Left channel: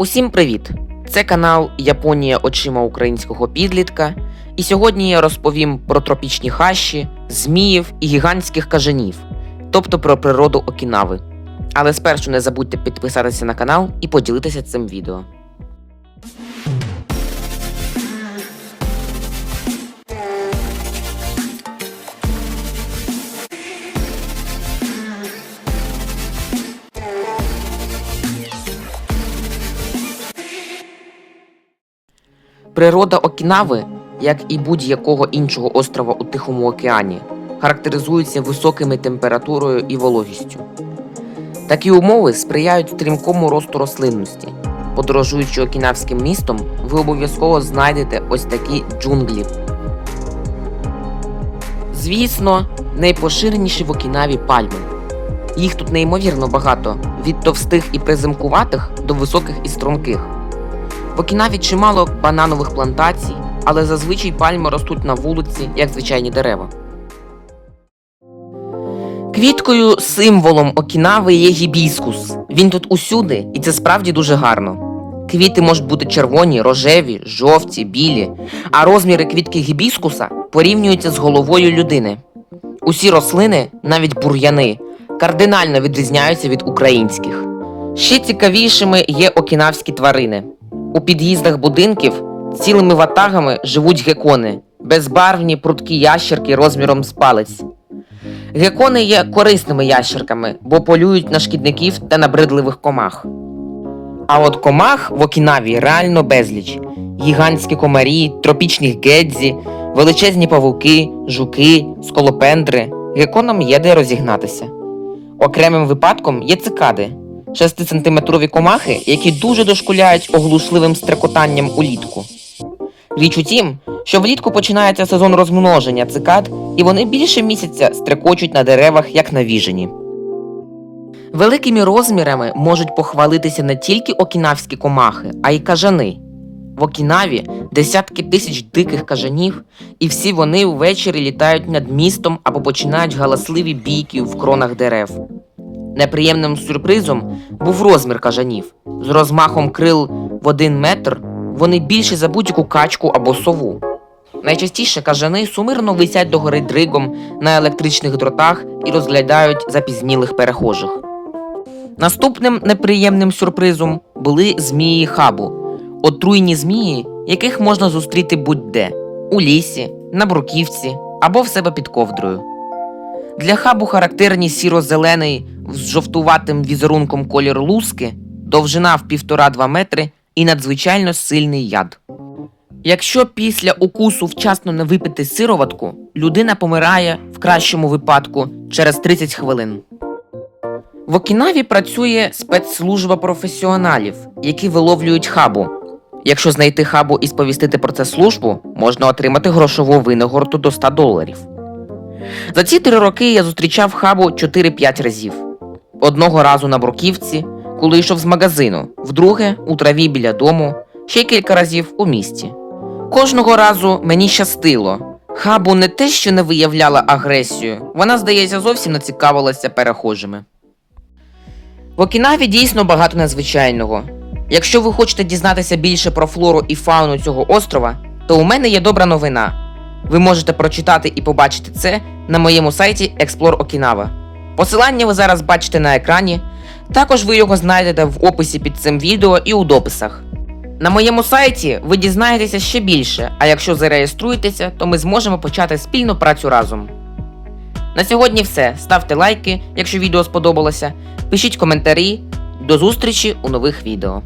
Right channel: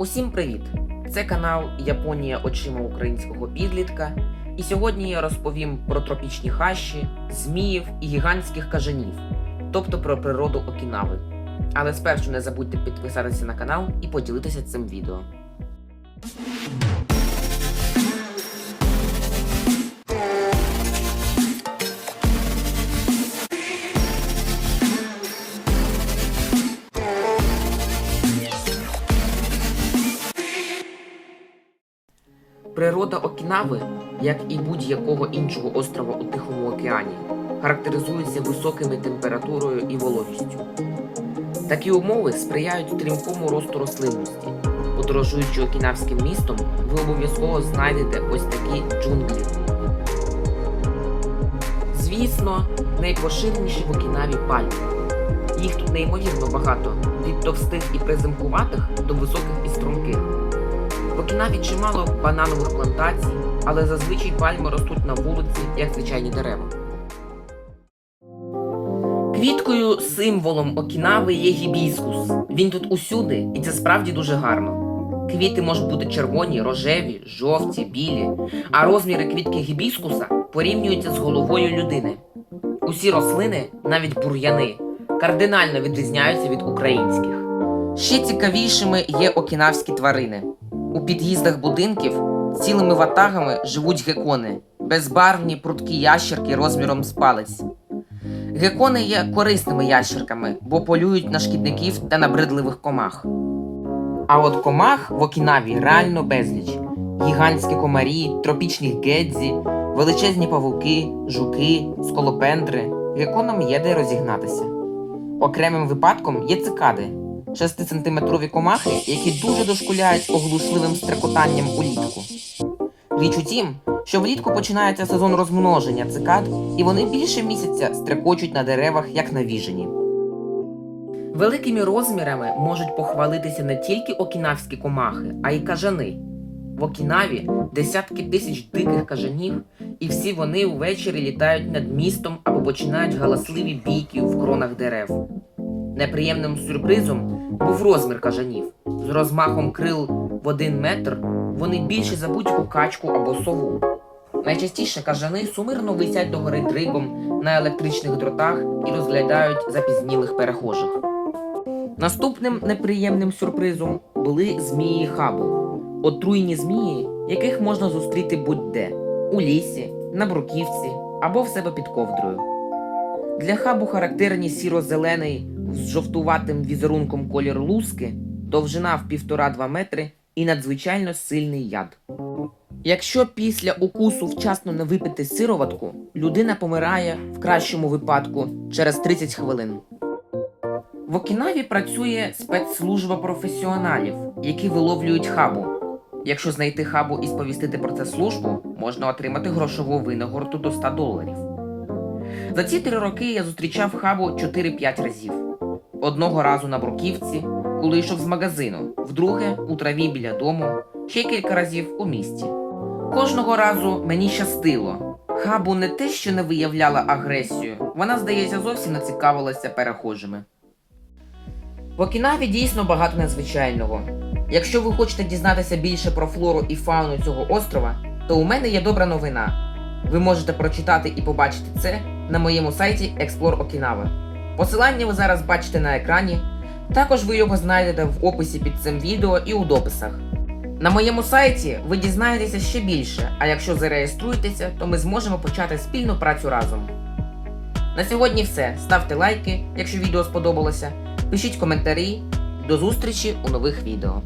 Усім привіт! Це канал Японія очима українського підлітка. І сьогодні я розповім про тропічні хащі, зміїв і гігантських кажанів, тобто про природу Окінави. Але спершу не забудьте підписатися на канал і поділитися цим відео. Природа Окінави, як і будь-якого іншого острова у Тихому океані, характеризується високими температурою і вологістю. Такі умови сприяють стрімкому росту рослинності. Подорожуючи окінавським містом, ви обов'язково знайдете ось такі джунглі. Звісно, найпоширеніші в Окінаві пальми. Їх тут неймовірно багато, від товстих і приземкуватих до високих і струнких. В Окінаві чимало бананових плантацій, але зазвичай пальми ростуть на вулиці, як звичайні дерева. Квіткою, символом Окінави є гібіскус. Він тут усюди, і це справді дуже гарно. Квіти можуть бути червоні, рожеві, жовті, білі, а розміри квітки гібіскуса порівнюються з головою людини. Усі рослини, навіть бур'яни, кардинально відрізняються від українських. Ще цікавішими є окінавські тварини. У під'їздах будинків цілими ватагами живуть гекони, безбарвні прудкі ящерки розміром з палець. Гекони є корисними ящерками, бо полюють на шкідників та набридливих комах. А от комах в Окінаві реально безліч: гігантські комарі, тропічні гедзі, величезні павуки, жуки, сколопендри. Геконам є де розігнатися. Окремим випадком є цикади, 6-сантиметрові комахи, які дуже дошкуляють оглушливим стрекотанням улітку. Річ у тім, що влітку починається сезон розмноження цикад, і вони більше місяця стрекочуть на деревах, як навіжені. Великими розмірами можуть похвалитися не тільки окінавські комахи, а й кажани. В Окінаві десятки тисяч диких кажанів, і всі вони ввечері літають над містом або починають галасливі бійки в кронах дерев. Неприємним сюрпризом був розмір кажанів. З розмахом крил в один метр вони більші за будь-яку качку або сову. Найчастіше кажани сумирно висять догори дригом на електричних дротах і розглядають запізнілих перехожих. Наступним неприємним сюрпризом були змії хабу, отруйні змії, яких можна зустріти будь-де у лісі, на бруківці або в себе під ковдрою. Для хабу характерні сіро-зелений з жовтуватим візерунком колір луски, довжина в 1,5-2 метри і надзвичайно сильний яд. Якщо після укусу вчасно не випити сироватку, людина помирає в кращому випадку через 30 хвилин. В Окінаві працює спецслужба професіоналів, які виловлюють хабу. Якщо знайти хабу і сповістити про це службу, можна отримати грошову винагороду до 100 доларів. За ці три роки я зустрічав хабу 4-5 разів. Одного разу на бруківці, коли йшов з магазину, вдруге у траві біля дому, ще кілька разів у місті. Кожного разу мені щастило. Хабу не те, що не виявляла агресію, вона, здається, зовсім не цікавилася перехожими. В Окінаві дійсно багато незвичайного. Якщо ви хочете дізнатися більше про флору і фауну цього острова, то у мене є добра новина. Ви можете прочитати і побачити це на моєму сайті Explore Okinawa. Посилання ви зараз бачите на екрані. Також ви його знайдете в описі під цим відео і у дописах. На моєму сайті ви дізнаєтеся ще більше, а якщо зареєструєтеся, то ми зможемо почати спільну працю разом. На сьогодні все. Ставте лайки, якщо відео сподобалося, пишіть коментарі. До зустрічі у нових відео.